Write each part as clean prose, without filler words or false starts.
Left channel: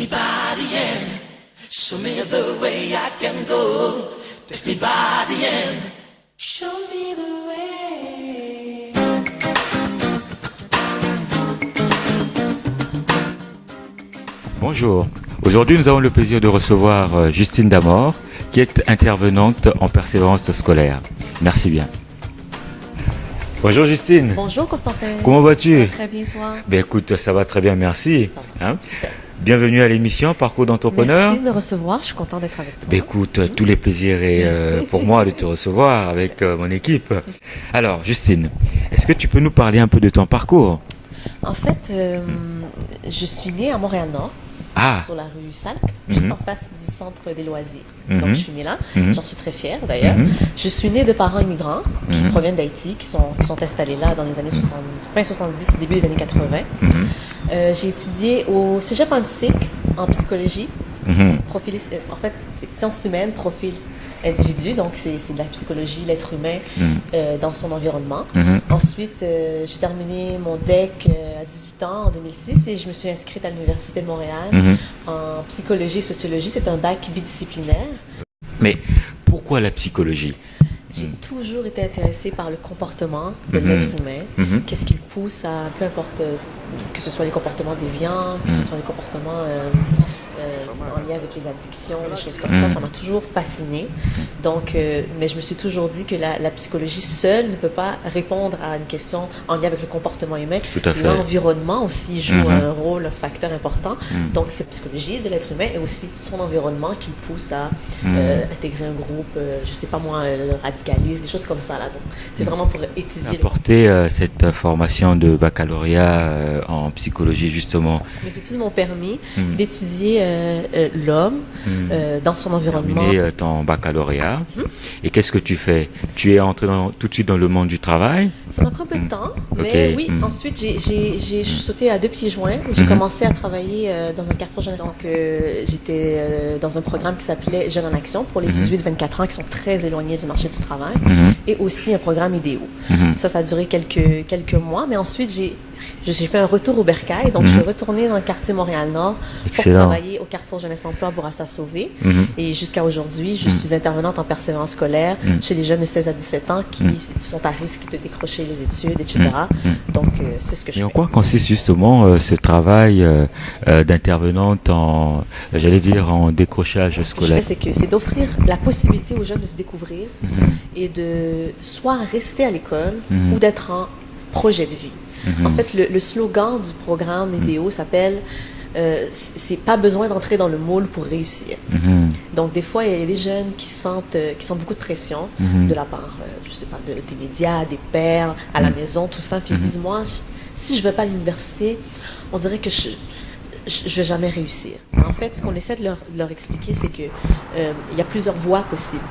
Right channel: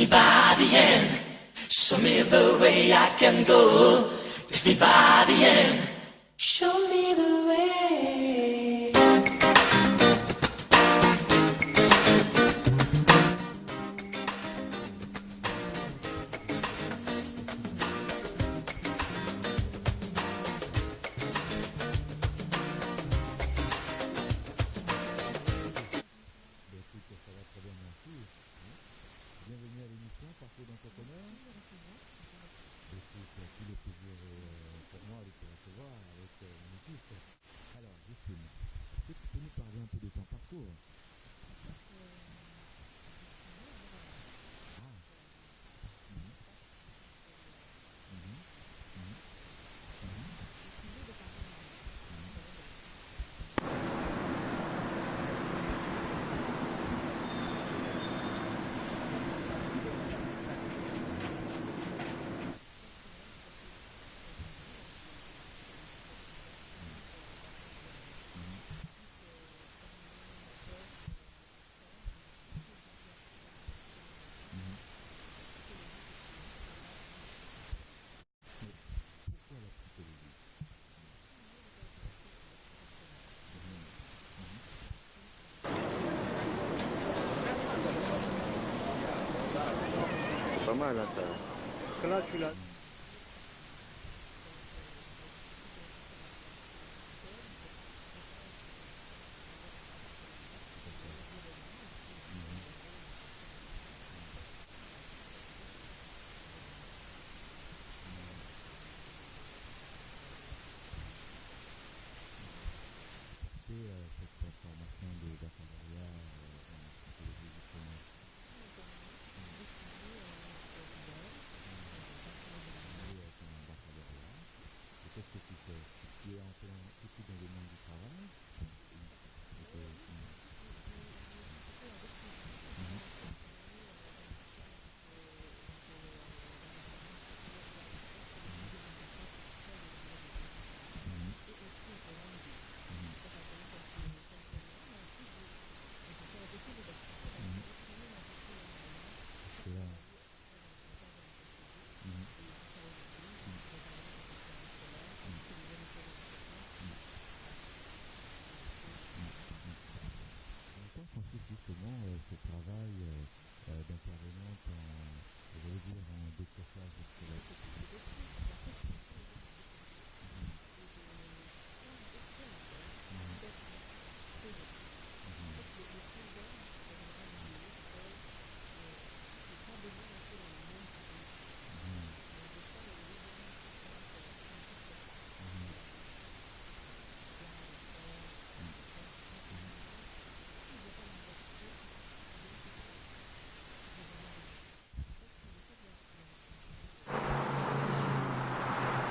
me by the hand. Show me the way I can go. Take me by the hand. Show me the way. Bonjour. Aujourd'hui, nous avons le plaisir de recevoir Justine Damor, qui est intervenante en persévérance scolaire. Merci bien. Bonjour Justine. Bonjour Constantin. Comment vas-tu? Très bien, toi? Ben écoute, ça va très bien, merci. Ça va, super. Bienvenue à l'émission Parcours d'entrepreneur. Merci de me recevoir, je suis contente d'être avec toi. Ben écoute, tous les plaisirs et pour moi de te recevoir avec mon équipe. Alors Justine, est-ce que tu peux nous parler un peu de ton parcours? En fait, je suis née à Montréal-Nord, sur la rue Salk, juste en face du centre des loisirs. Donc, je suis née là. J'en suis très fière, d'ailleurs. Je suis née de parents immigrants qui proviennent d'Haïti, qui sont installés là dans les années 60, fin 70, début des années 80. J'ai étudié au Cégep Antique en psychologie. En fait, c'est sciences humaines, profil individu, donc c'est de la psychologie, l'être humain dans son environnement. Ensuite, j'ai terminé mon DEC à 18 ans en 2006 et je me suis inscrite à l'Université de Montréal en psychologie et sociologie. C'est un bac bidisciplinaire. Mais pourquoi la psychologie? J'ai toujours été intéressée par le comportement de l'être humain. Qu'est-ce qui le pousse à, peu importe, que ce soit les comportements déviants, que ce soit les comportements en lien avec les addictions, des choses comme ça m'a toujours fascinée. Donc, mais je me suis toujours dit que la psychologie seule ne peut pas répondre à une question en lien avec le comportement humain. Tout à fait. L'environnement aussi joue un rôle, un facteur important. Donc, c'est la psychologie de l'être humain et aussi son environnement qui le pousse à intégrer un groupe, je sais pas moi, radicaliste, des choses comme ça. Là. Donc, c'est vraiment pour étudier. Apporter cette formation de baccalauréat en psychologie, justement. Mes études m'ont permis d'étudier l'homme dans son environnement. Terminé ton baccalauréat. Et qu'est-ce que tu fais? Tu es entré tout de suite dans le monde du travail? Ça m'a pris un peu de temps, mais oui, ensuite j'ai sauté à deux pieds joints. J'ai commencé à travailler dans un carrefour jeunesse. Donc j'étais dans un programme qui s'appelait Jeunes en Action pour les 18-24 ans qui sont très éloignés du marché du travail et aussi un programme IDEO. Ça a duré quelques mois, mais ensuite j'ai fait un retour au Bercail, donc je suis retournée dans le quartier Montréal-Nord pour travailler au Carrefour Jeunesse Emploi Bourassa-Sauvé. Et jusqu'à aujourd'hui, je suis intervenante en persévérance scolaire chez les jeunes de 16 à 17 ans qui sont à risque de décrocher les études, etc. Donc, c'est ce que je fais. Et en quoi consiste justement ce travail d'intervenante en décrochage scolaire? Ce que je fais, c'est d'offrir la possibilité aux jeunes de se découvrir et de soit rester à l'école ou d'être en projet de vie. En fait, le slogan du programme IDEO s'appelle c'est pas besoin d'entrer dans le moule pour réussir. Donc, des fois, il y a des jeunes qui sentent beaucoup de pression de la part, je sais pas, des médias, des pères, à la maison, tout ça. Puis ils se disent, moi, si je ne vais pas à l'université, on dirait que je ne vais jamais réussir. En fait, ce qu'on essaie de leur expliquer, c'est que il y a plusieurs voies possibles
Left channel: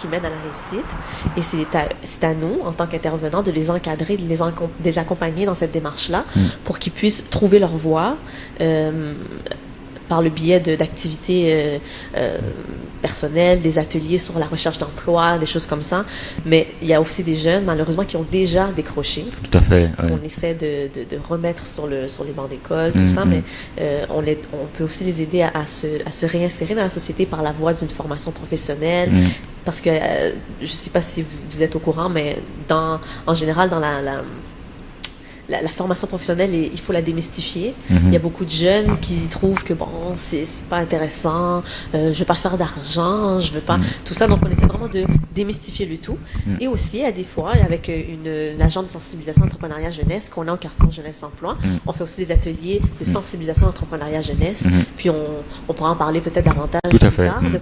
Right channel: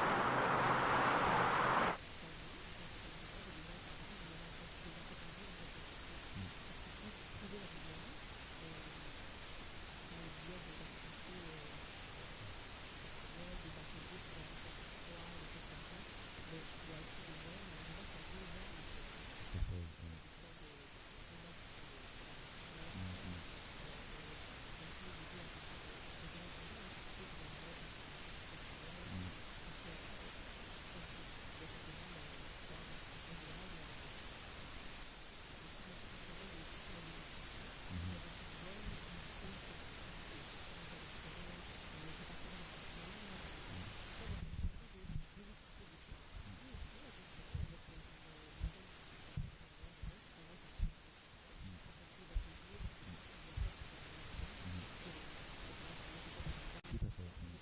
qui mènent à la réussite. Et c'est à nous, en tant qu'intervenants, de les encadrer, de les accompagner dans cette démarche-là pour qu'ils puissent trouver leur voie par le biais d'activités personnelles, des ateliers sur la recherche d'emploi, des choses comme ça. Mais il y a aussi des jeunes, malheureusement, qui ont déjà décroché. Tout à fait. Ouais. On essaie de remettre sur les bancs d'école, tout ça, mais on peut aussi les aider à se réinsérer dans la société par la voie d'une formation professionnelle. Parce que, je ne sais pas si vous êtes au courant, mais en général, dans la formation professionnelle, il faut la démystifier. Il y a beaucoup de jeunes qui trouvent que, bon, c'est pas intéressant, je ne veux pas faire d'argent, je veux pas... Tout ça, donc on essaie vraiment de démystifier le tout. Et aussi, à des fois, avec une agence de sensibilisation entrepreneuriat jeunesse qu'on a au Carrefour Jeunesse Emploi, on fait aussi des ateliers de sensibilisation entrepreneuriat jeunesse. Puis on pourra en parler peut-être davantage plus tard de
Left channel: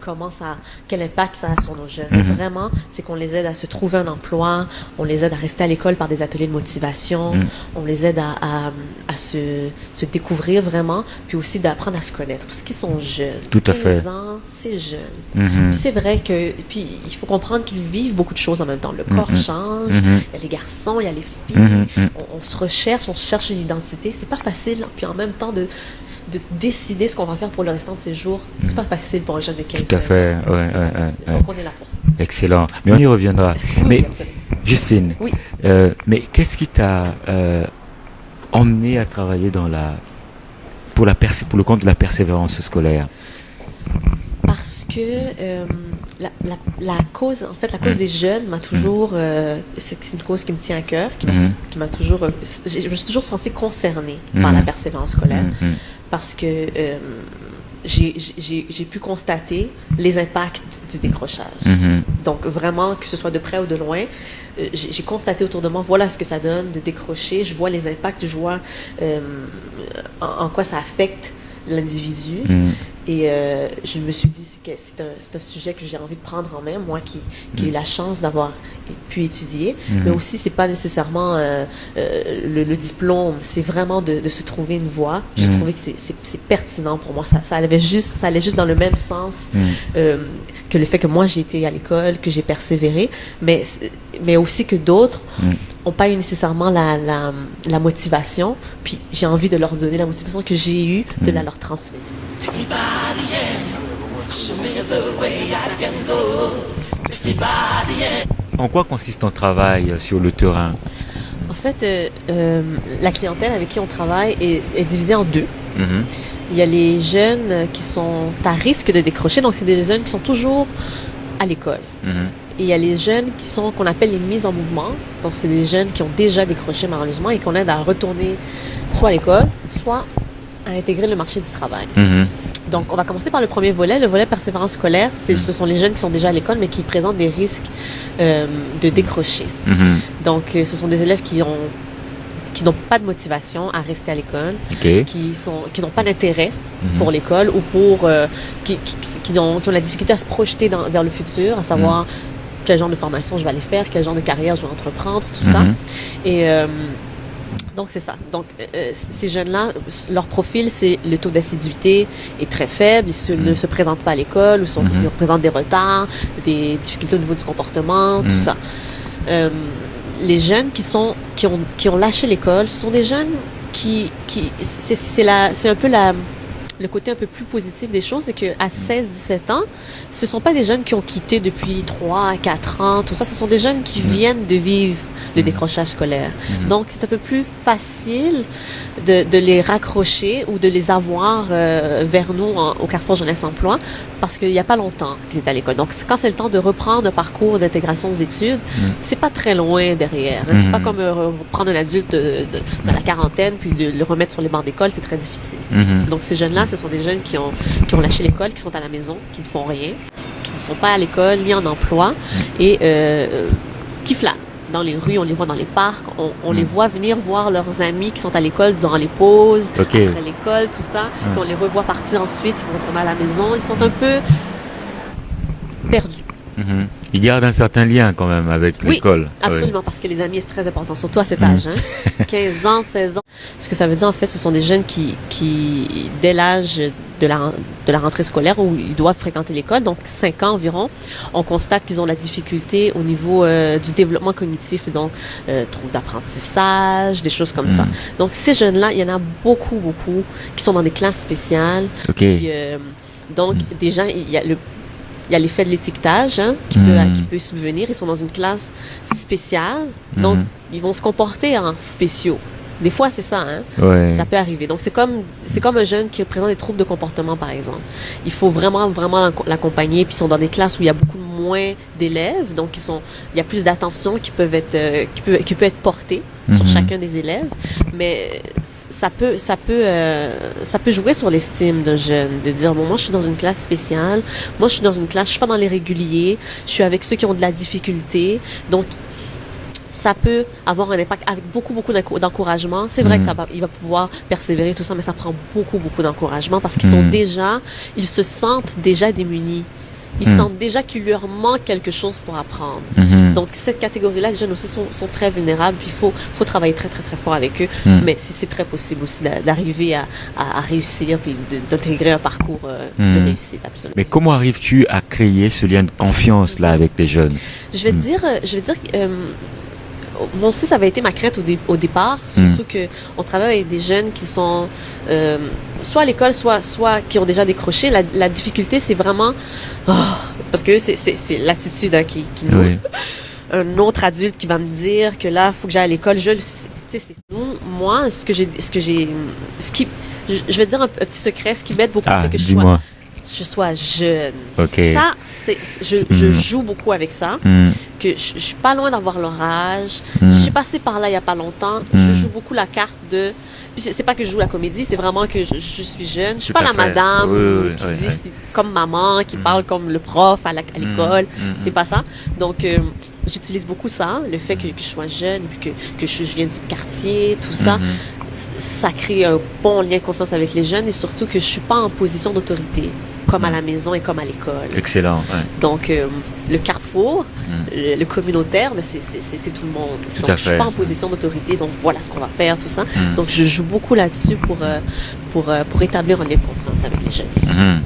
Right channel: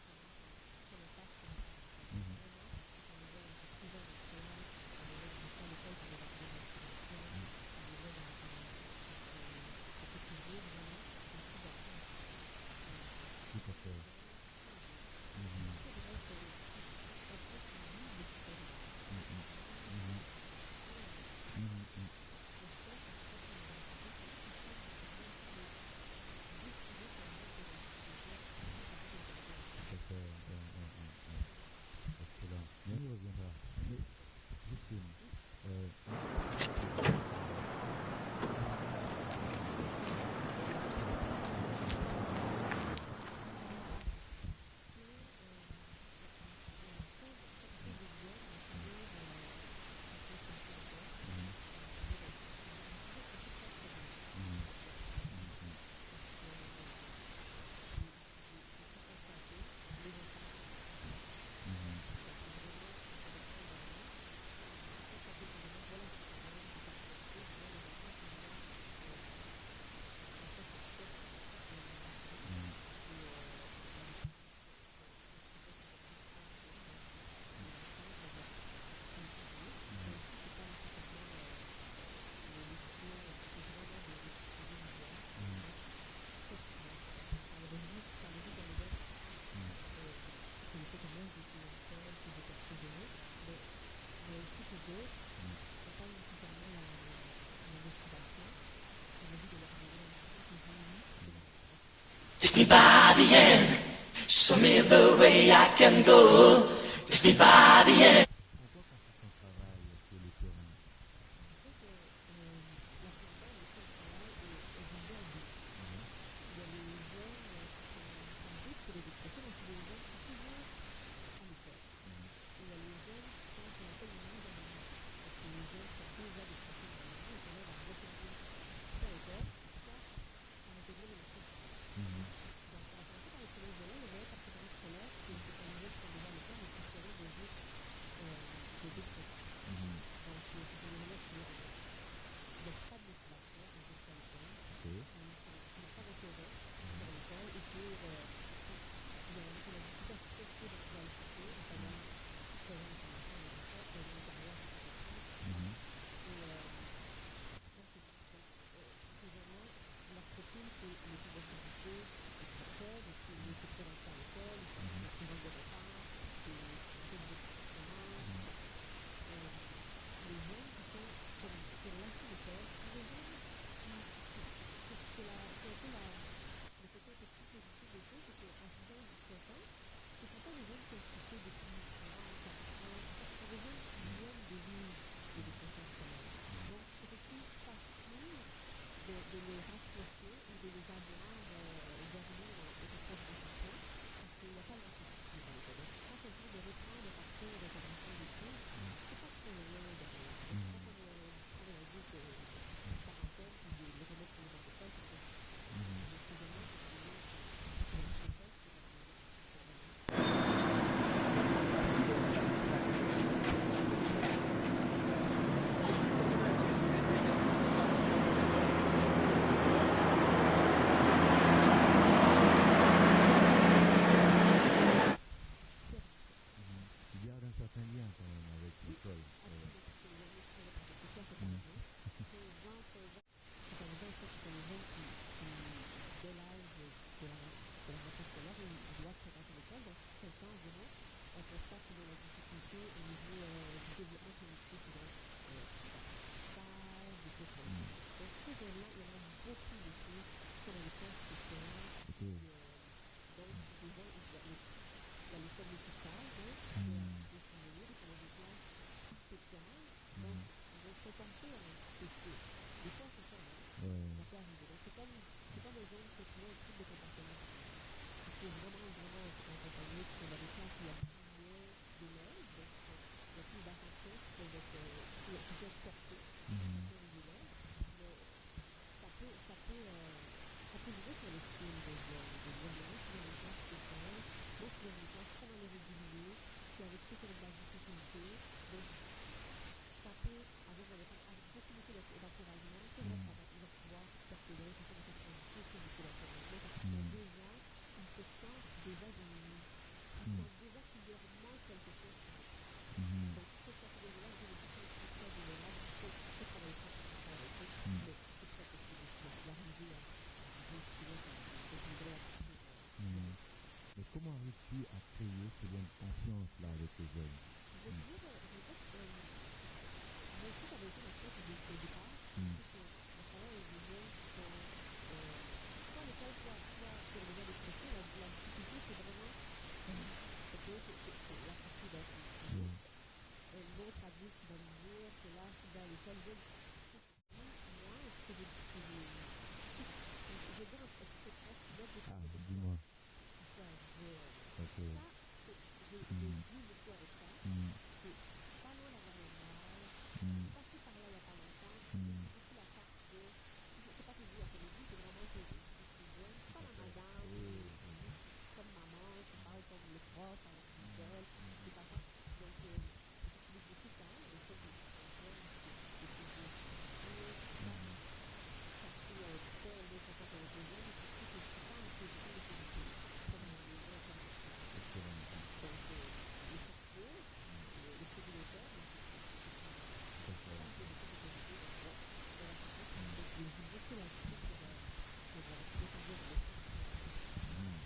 quel impact ça a sur nos jeunes. Vraiment, c'est qu'on les aide à se trouver un emploi, on les aide à rester à l'école par des ateliers de motivation, on les aide à se découvrir vraiment, puis aussi d'apprendre à se connaître, parce qu'ils sont jeunes. Tout à fait. 15 ans, c'est jeune. Puis c'est vrai que, puis il faut comprendre qu'ils vivent beaucoup de choses en même temps. Le corps change, il y a les garçons, il y a les filles, on se recherche, on cherche une identité. C'est pas facile, puis en même temps de décider ce qu'on va faire pour le restant de ses jours. C'est pas facile pour un jeune de 15 ans. Tout à fait, Donc on est là pour ça. Excellent. Mais on y reviendra. Oui, mais absolument. Justine, Oui. Mais qu'est-ce qui t'a emmené à travailler dans pour le compte de la persévérance scolaire? Parce que la cause, en fait, la cause des jeunes m'a toujours, c'est une cause qui me tient à cœur, qui m'a toujours, je me suis toujours sentie concernée par la persévérance scolaire, parce que j'ai pu constater les impacts du décrochage. Donc vraiment, que ce soit de près ou de loin, j'ai constaté autour de moi, voilà ce que ça donne de décrocher. Je vois les impacts, je vois en quoi ça affecte l'individu. Et je me suis dit que c'est un sujet que j'ai envie de prendre en main, moi qui ai eu la chance d'avoir pu étudier. Mais aussi, c'est pas nécessairement le diplôme, c'est vraiment de se trouver une voie. J'ai trouvé que c'est pertinent pour moi. Ça allait juste dans le même sens que le fait que moi, j'ai été à l'école, que j'ai persévéré, mais aussi que d'autres n'ont pas eu nécessairement la motivation. Puis j'ai envie de leur donner la motivation que j'ai eue, de la leur transférer. Take me by the hand, show me the way I can go. Take me by the hand. En quoi consiste ton travail sur le terrain? En fait, la clientèle avec qui on travaille est divisée en deux. Il y a les jeunes qui sont à risque de décrocher, donc c'est des jeunes qui sont toujours à l'école. Et il y a les jeunes qu'on appelle les mises en mouvement, donc c'est des jeunes qui ont déjà décroché malheureusement et qu'on aide à retourner soit à l'école, soit à intégrer le marché du travail. Donc, on va commencer par le premier volet. Le volet persévérance scolaire, ce sont les jeunes qui sont déjà à l'école, mais qui présentent des risques de décrocher. Donc, ce sont des élèves qui n'ont pas de motivation à rester à l'école, qui n'ont pas d'intérêt pour l'école ou qui ont la difficulté à se projeter vers le futur, à savoir quel genre de formation je vais aller faire, quel genre de carrière je vais entreprendre, tout ça. Et donc, c'est ça. Donc, ces jeunes-là, leur profil, c'est le taux d'assiduité est très faible. Ils ne se présentent pas à l'école, ils présentent des retards, des difficultés au niveau du comportement, tout ça. Les jeunes qui ont lâché l'école sont des jeunes c'est un peu le côté un peu plus positif des choses, c'est qu'à 16-17 ans, ce ne sont pas des jeunes qui ont quitté depuis 3 à 4 ans, tout ça. Ce sont des jeunes qui viennent de vivre le décrochage scolaire. Donc, c'est un peu plus facile de les raccrocher ou de les avoir vers nous au Carrefour Jeunesse Emploi parce qu'il n'y a pas longtemps qu'ils étaient à l'école. Donc, quand c'est le temps de reprendre un parcours d'intégration aux études, c'est pas très loin derrière. C'est pas comme prendre un adulte dans la quarantaine puis de le remettre sur les bancs d'école, c'est très difficile. Donc, ces jeunes-là, ce sont des jeunes qui ont lâché l'école, qui sont à la maison, qui ne font rien, qui ne sont pas à l'école ni en emploi et qui flânent. Dans les rues, on les voit dans les parcs, on les voit venir voir leurs amis qui sont à l'école durant les pauses, après l'école, tout ça. Puis on les revoit partir ensuite, ils vont retourner à la maison. Ils sont un peu perdus. Ils gardent un certain lien quand même avec l'école. Absolument, parce que les amis, c'est très important, surtout à cet âge. 15 ans, 16 ans. Ce que ça veut dire, en fait, ce sont des jeunes qui dès l'âge de la rentrée scolaire où ils doivent fréquenter l'école, donc 5 ans environ, on constate qu'ils ont la difficulté au niveau du développement cognitif, donc troubles d'apprentissage, des choses comme ça. Donc ces jeunes-là, il y en a beaucoup qui sont dans des classes spéciales. Puis, donc déjà, il y a l'effet de l'étiquetage qui peut subvenir. Ils sont dans une classe spéciale, donc ils vont se comporter en spéciaux. Des fois, c'est ça, ça peut arriver. Donc, c'est comme un jeune qui présente des troubles de comportement, par exemple. Il faut vraiment l'accompagner. Puis, ils sont dans des classes où il y a beaucoup moins d'élèves. Donc, il y a plus d'attention qui peut être portée sur chacun des élèves. Mais ça peut jouer sur l'estime d'un jeune. De dire, bon, moi, je suis dans une classe spéciale. Moi, je suis dans une classe, je suis pas dans les réguliers. Je suis avec ceux qui ont de la difficulté. Donc, ça peut avoir un impact avec beaucoup d'encouragement. C'est vrai qu'il va pouvoir persévérer, tout ça, mais ça prend beaucoup d'encouragement parce qu'ils ils se sentent déjà démunis. Ils sentent déjà qu'il leur manque quelque chose pour apprendre. Donc, cette catégorie-là, les jeunes aussi sont très vulnérables. Puis, il faut travailler très fort avec eux. Mais c'est très possible aussi d'arriver à réussir puis d'intégrer un parcours de réussite, absolument. Mais comment arrives-tu à créer ce lien de confiance là avec les jeunes? Je vais te dire moi aussi, ça avait été ma crainte au départ, surtout qu'on travaille avec des jeunes qui sont soit à l'école, soit qui ont déjà décroché. La difficulté, c'est vraiment... parce que c'est l'attitude qui nous... Un autre adulte qui va me dire que là, il faut que j'aille à l'école. je vais te dire un petit secret. Ce qui m'aide beaucoup, Ah, c'est que dis-moi. je sois jeune. Ok. Ça, je joue beaucoup avec ça. Hmm. Que je suis pas loin d'avoir leur âge. Mm. Je suis passée par là il y a pas longtemps. Je joue beaucoup la carte de. Puis c'est pas que je joue la comédie, c'est vraiment que je suis jeune. Je suis Tout pas à la fait. madame Oui, qui oui, dit oui. comme maman, qui parle comme le prof à l'école. C'est pas ça. Donc j'utilise beaucoup ça, le fait que je sois jeune, et puis que je viens du quartier, tout ça. Ça crée un bon lien de confiance avec les jeunes et surtout que je suis pas en position d'autorité, comme à la maison et comme à l'école. Excellent. Ouais. Donc, le carrefour, le communautaire, mais c'est tout le monde. Tout Donc, à je suis fait. pas en position d'autorité, donc voilà ce qu'on va faire, tout ça. Donc, je joue beaucoup là-dessus pour établir un lien de confiance avec les jeunes.